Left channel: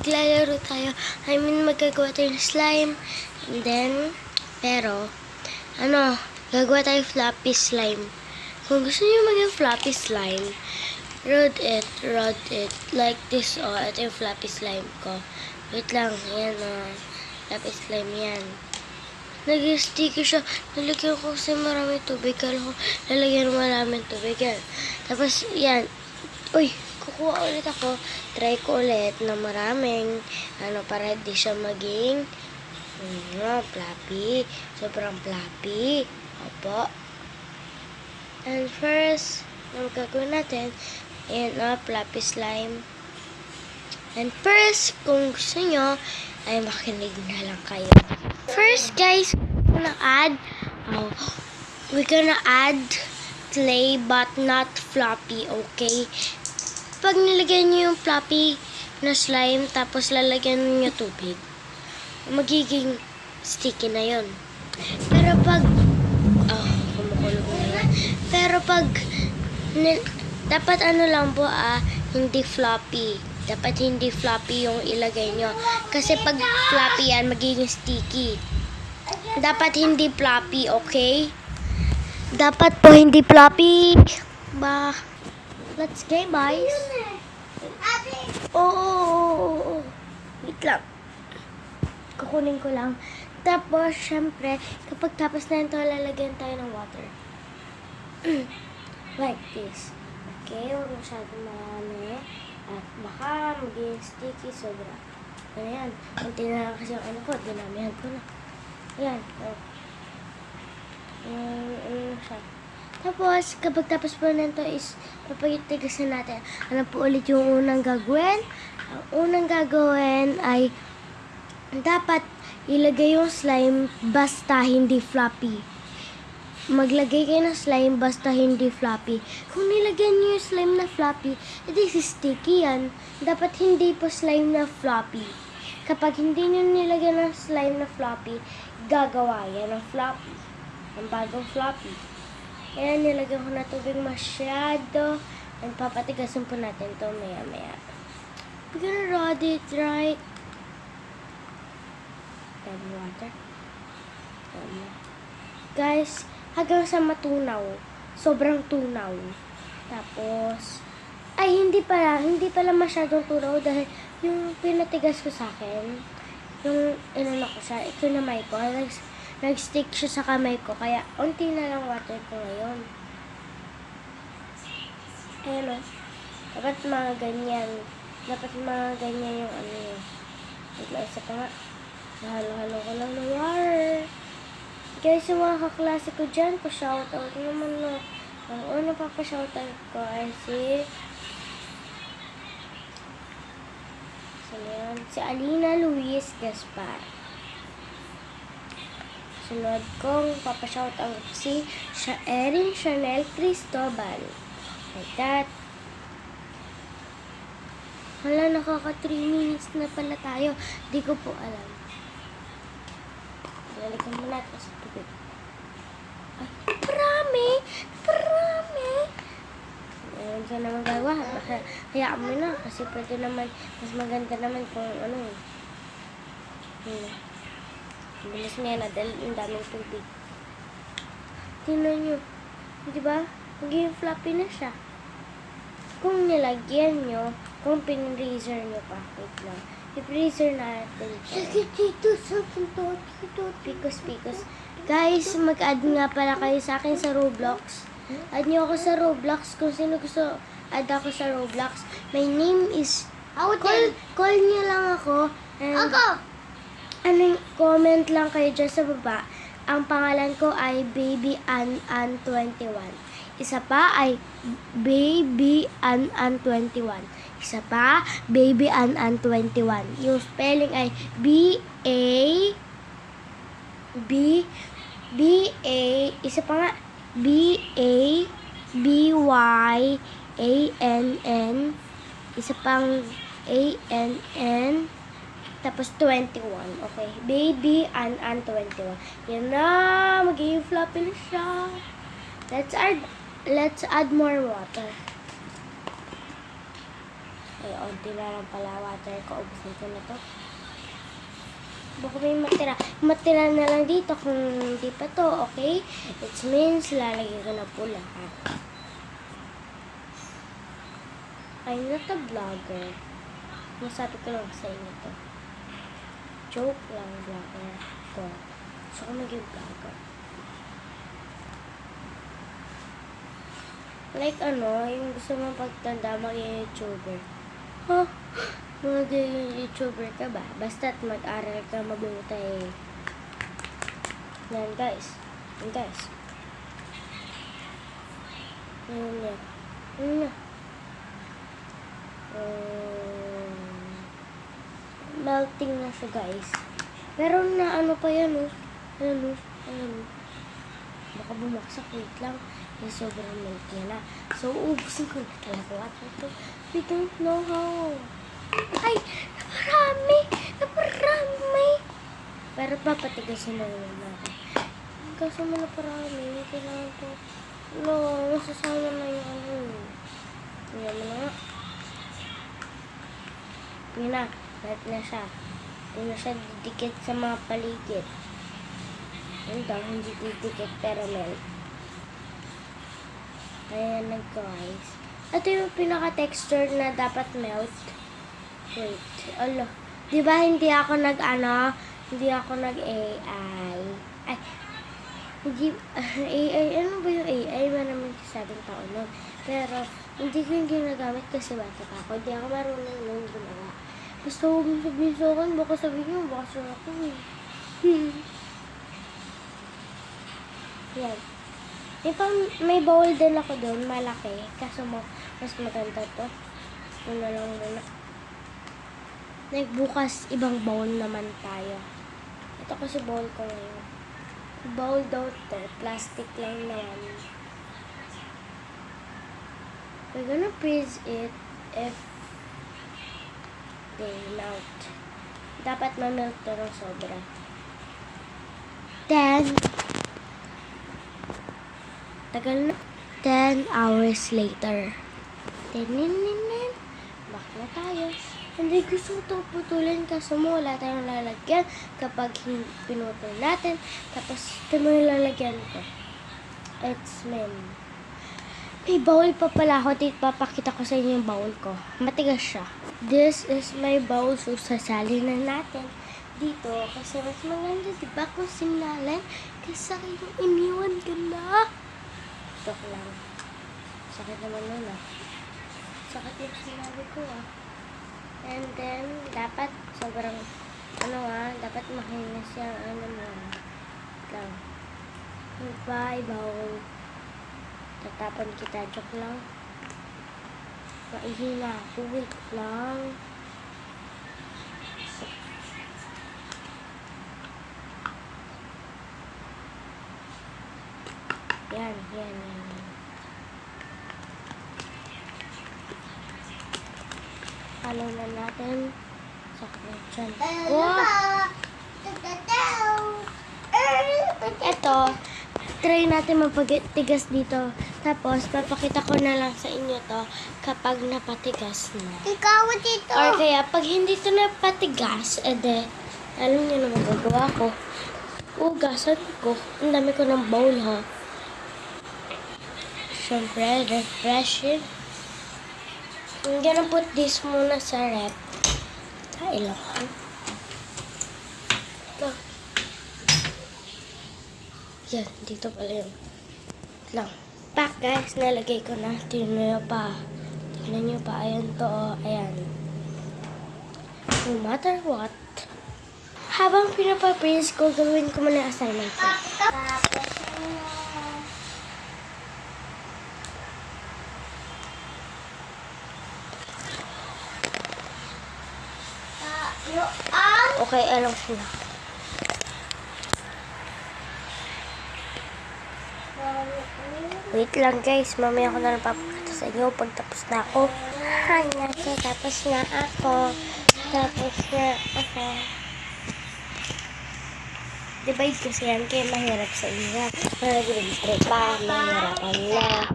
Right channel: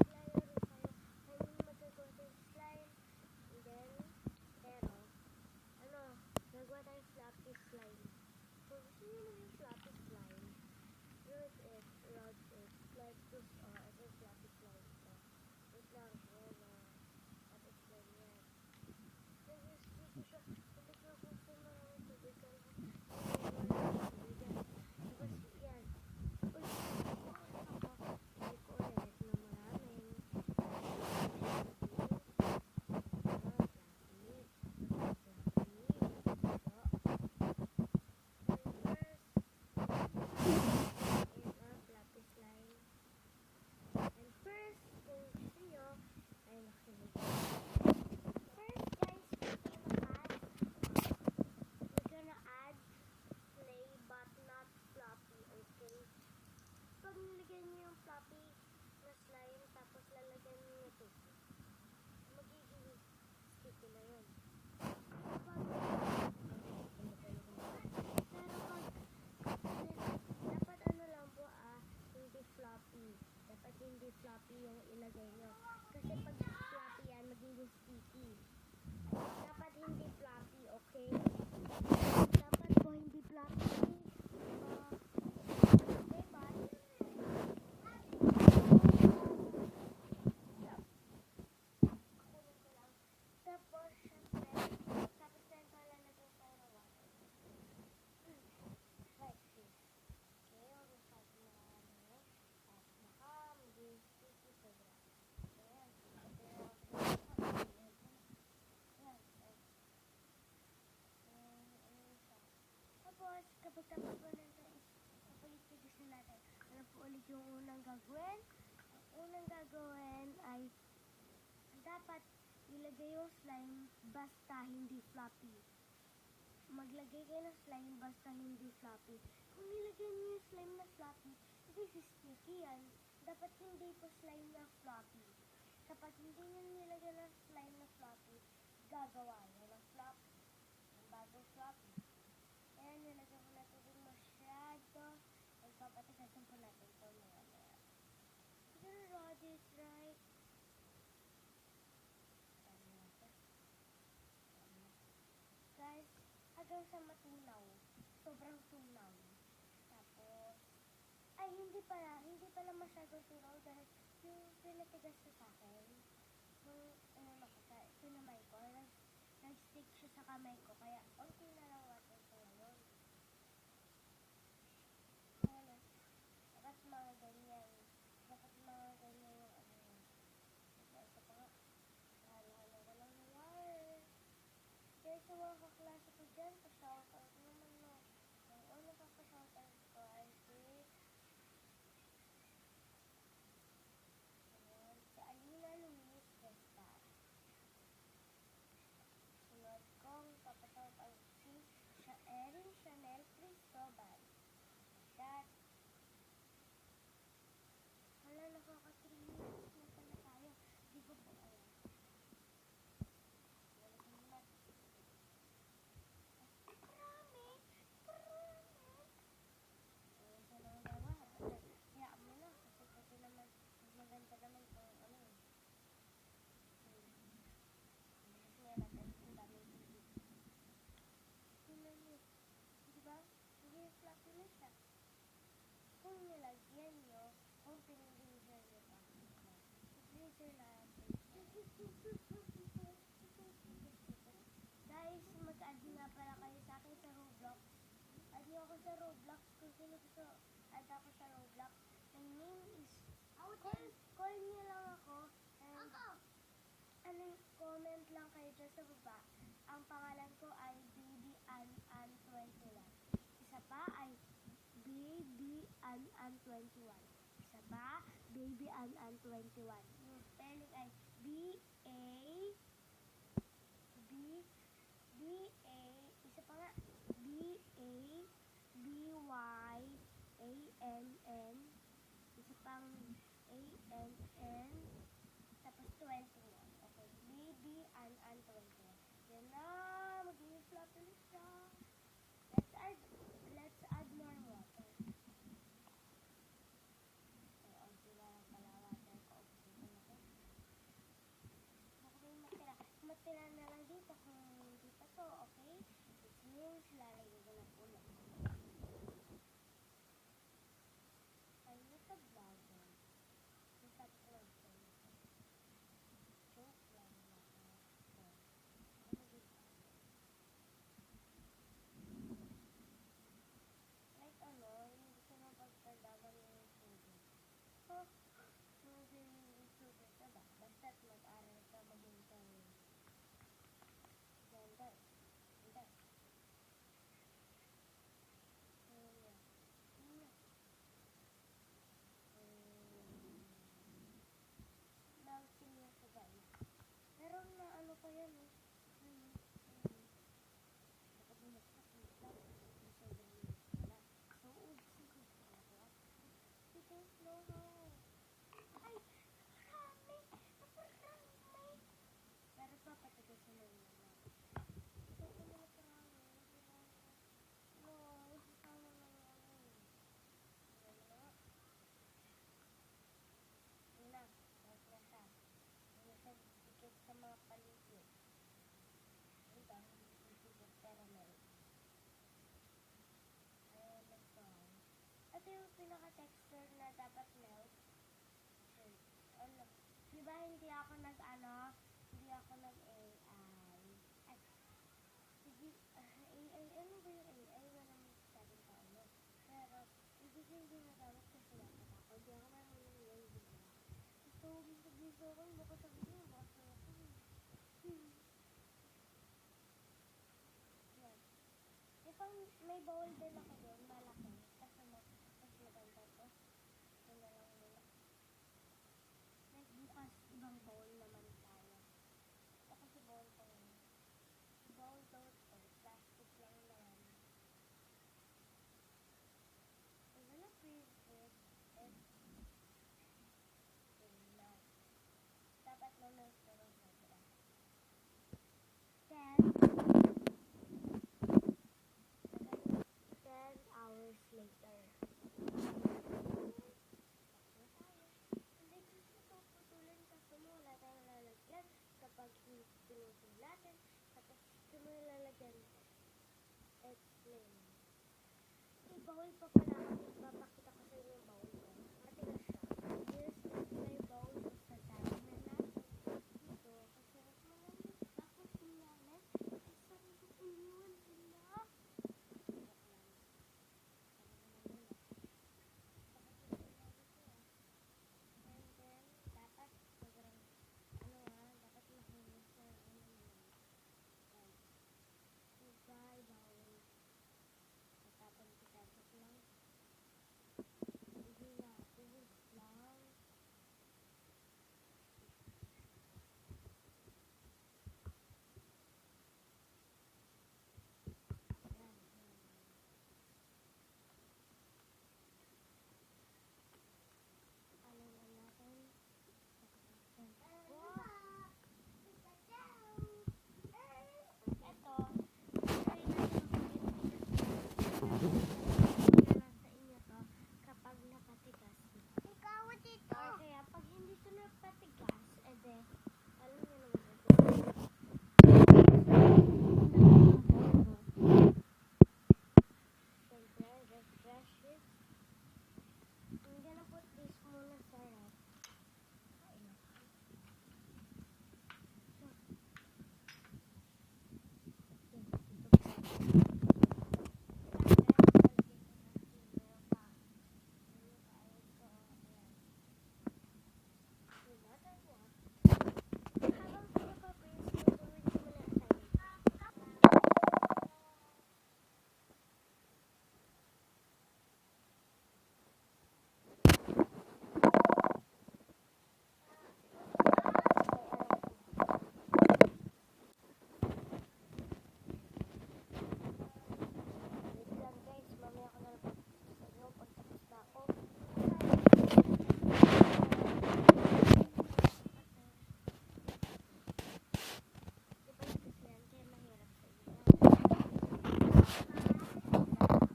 maglalaro tayo. I mean, magagawa tayo ng slime. And then, pero, gagawa tayo floppy slime. Kung gusto niyo maging floppy slime, rod it. Like this, ito yung floppy slime ko. Wait lang, yan, floppy slime yan. Nag-sticky siya. Nalagyan ko kasi maraming tubig. Kala ko lalagyan ng maraming tubig yan. Tapos, yan. Uy, kukuha ulit ako. Try ko ulit na maraming, para di siya maging, floppy. Sobrang floppy. Opo. And first, ang gagawin natin, ayan, floppy slime. And first, kung gusto nyo, ay makinig na lang kayo. First, guys, we're gonna add clay but not floppy, okay? Pag nilagyan nyo yung floppy na slime, tapos lalagyan nyo tubig, magiging sticky na yon. Pero pag, kumukulog na yan. Pero pag, dapat lang po, hindi floppy. Dapat hindi floppy yung ilagay nyo. Kasi pag floppy yan, magiging sticky. Dapat hindi floppy, okay? Dapat po hindi floppy. Let's game, guys. Oh. Wait lang. Kukunin ko lang. Tapos, syempre, kapag tapos na ito, lalagyan tayo ng water. Like this. Okay, huwag masyadong marami. At baka maging sticky sobra. Ayan. Kunti na lang kasi ang ko. Dinamihan ko na. Ayan. Siya. Tapos, kapag tapos po nito is papagitigasan natin. Ano po ulit yung unang gagawin? Ang unang gagawin ay dapat ilagay yung slime basta hindi floppy. Maglagay kayo ng slime basta hindi floppy. Kung nilagyan nyo yung slime na floppy, edi sticky yan. Dapat hindi po slime na floppy. Kapag hindi nyo nilagyan ng slime na floppy, gagawa yan ng floppy. Ang bagong floppy. Kaya nilagyan ko na tubig masyado. And papatigasin po natin ito maya. We're gonna rod it right. Add water. Guys, hanggang sa matunaw. Sobrang tunaw. Tapos, hindi pala masyadong tunaw dahil yung pinatigas ko sa akin, yung ko siya, ikinamay ko, nag-stick siya sa kamay ko, kaya unti na lang water ko ngayon. Ayan o. Dapat mga ganyan yung yun. Isa pa nga. Halo-halo ko lang ng water. Guys, yung mga kaklase ko dyan, pa-shoutout naman, no. Ang una pa-shoutout ko ay si Alina Luis Gaspar. Sunod kong pa-shoutout si Erin Chanel Cristobal. Like that. Hala, nakaka 3 minutes na pala tayo. Di ko po alam. Balikan mo natin sa tubig. Marami! Ayun, saan naman gagawa? Hayaan mo na. Kasi pwede naman, mas maganda naman kung bilis niya na dahil yung daming tubig. Tingnan nyo. Diba? Magiging floppy na siya. Kung nilagyan nyo, kung pin-freezer nyo pa. Wait lang. I-freezer natin. Pikos. Guys, mag-add nga pala kayo sa akin sa Roblox. Add nyo ako sa Roblox. Kung sino gusto add ako sa Roblox. My name is... Call nyo lang ako. Comment lang kayo dyan sa baba. Ang pangalan ko ay Baby An 21. Isa pa ay Baby An 21. Isa pa, Baby An 21. Yung spelling ay isa pa nga, BABYANN, isa pang ANN, tapos 21. Okay, Baby An 21. Yan na, magiging floppy na siya. Let's add more water. Ay, onti na lang pala water ko. Ubusin ko na to. Baka may matira. Matira na lang dito kung hindi pa to, okay? It means lalagyan ko na pula, ha? I'm not a vlogger. Masabi ko lang sa inyo to. Joke lang, vlogger ko. So, ako maging vlogger. Like yung gusto mong pagtanda, maging YouTuber. Huh? Maging YouTuber ka ba? Basta't mag-aral ka mabuti. Yan guys. Yan guys. Yan yan. Yan yan. Melting na siya guys. Pero na ano pa yan Ayan. Baka bumaksak. Wait lang. Sobrang melt niya na. So, ubusin ko na talaga. We don't know how. Ay! Naparami! Pero papatigasin na yun natin. Kaso mo naparami. Kailangan ko. Nasasama na yung Tingnan mo na nga. Yun na. Melt na siya. Hindi na siya didikit sa mga paligid. Yun daw, hindi didikit pero melt. Ayan na guys. Ito yung pinaka-texture na dapat melt. Wait. Alo. Diba hindi ako hindi ako nag-AI. Ay. Hindi, AI. Ano ba yung AI? Maraming sabing tao nun. Pero, hindi ko yung ginagamit kasi bata pa ako. Hindi ako marunong nung gumawa. Basta huwag mo sabihin sa akin. Baka sabihin mo, baka sa ako Yan. May bowl din ako doon, malaki. Kaso mas maganda to. Ano lang muna. Bukas, ibang bowl naman tayo. Ito kasi bowl ko ngayon. Bowl daw to. Plastic lang naman. We're gonna freeze it if they melt. Dapat ma-melt to ng sobra. Then, tagal na. 10 hours later. Back na tayo. Hindi gusto itong putulin kasi wala tayong lalagyan kapag pinutol natin. Tapos, ito mo yung lalagyan ko. It's men. May bowl pa pala ako. Papakita ko sa inyo yung bowl ko. Matigas siya. This is my bowl. So, sasali na natin dito. Kasi mas maganda, diba? Kung sinalin. Kasi yung iniwan ka na. Joke lang. Sakit naman nun Sakit yung sinabi ko And then, dapat sobrang, dapat makinis yung lang. Bye, bowl. Tatapon kita, joke lang. Maihina ako, wait lang. Yan. Halo na natin. Sakit dyan. Wow! Ito, try natin mapatigas dito. Tapos, papakita ko na lang sa inyo to kapag napatigas na. Ikaw dito. Or kaya, pag hindi to napatigas, alam niyo na magagawa ko. Hugasan ko. Ang dami ko ng bowl, Siyempre, refreshing. I'm gonna put this muna sa rep. Kailangan. Ito. Yan, dito pala yun. Lang. Back guys, nalagay ko na. Tignan nyo pa. Ayan to, ayan. No matter what, habang pinapaprints ko, gawin ko muna yung assignment ko. Okay, alam ko na. Wait lang guys, mamaya ko na lang papakita sa inyo pag tapos na ako. Ayan, so tapos na ako. Divide kasi yan, kaya mahirap sa inyo. Grade 3 pa, mahirapan na.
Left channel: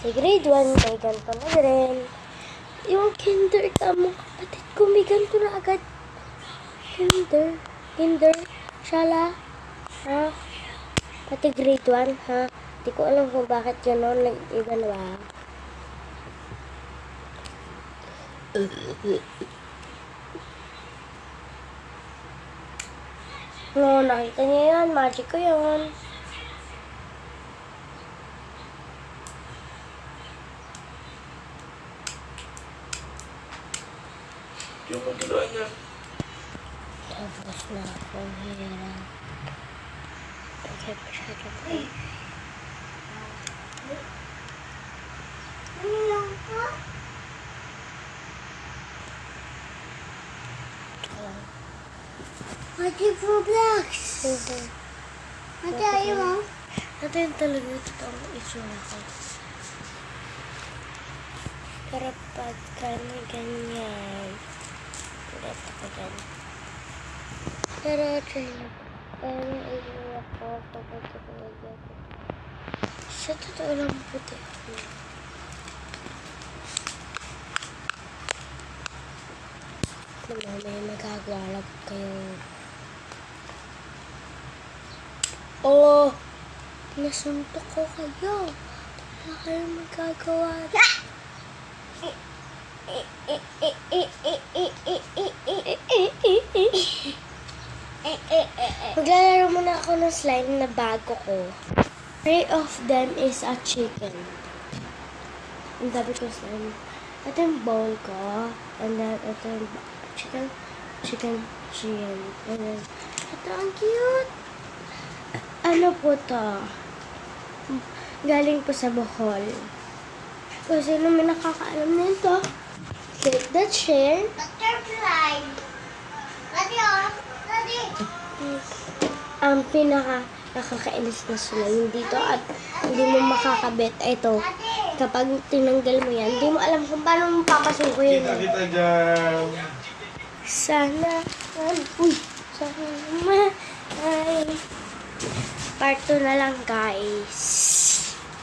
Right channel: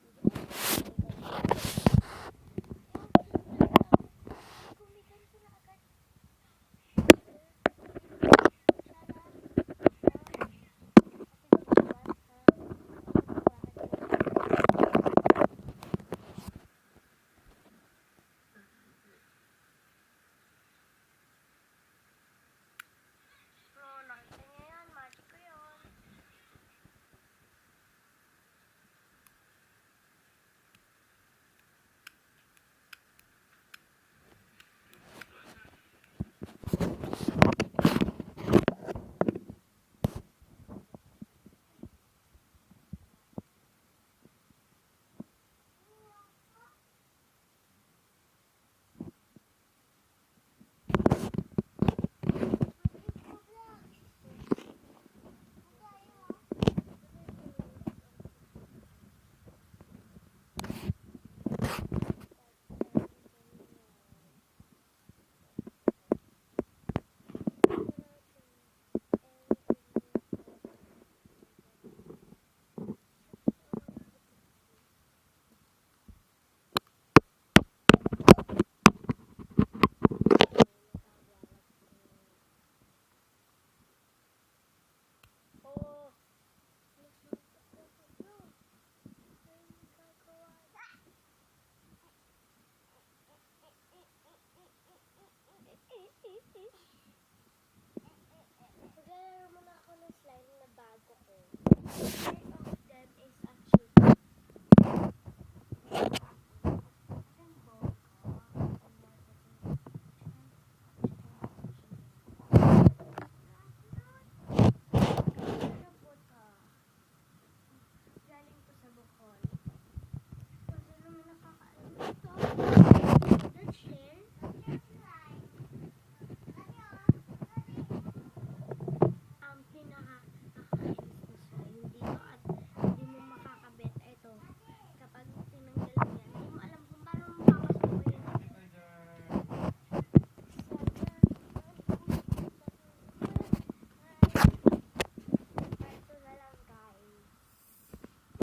Sa grade 1, may ganito na rin. yung kinder ka mo, kapatid ko, may ganito na agad. Kinder, shala, ha? Pati grade 1, ha? Di ko alam kung bakit gano'n, nag-iwan ba? No, nakita niya yan, magic ko yun. Yung pagkiluan niya. Tapos na akong hirap. Kasi masyado ko. Ate Roblox. Ate, ayaw mo? Ito yung talaga totoong itsura ko. Pero pag ganyan, ulit ako dyan. Pero try na po. Parang itsura ko kapag ganyan. Sa totoo lang puti ako. May magagawa lang kayo. Oh! Nasuntok ko kayo. Wala kayong magagawa. Maglalaro muna ako ng slime na bago ko. Three of them is a chicken. Ang dami ko slime. Ito yung bowl ko. And then ito yung chicken. Ito ang cute. Ano po to? Galing po sa Bohol. Kung sino may nakakaalam nito, click that share. Butterfly. Ate, oh. Ate. Ang pinaka nakakainis na slime dito at hindi mo makakabit. Ito, kapag tinanggal mo yan, hindi mo alam kung paano mo papasukin. Kita dyan. Sana ay part 2 na lang guys.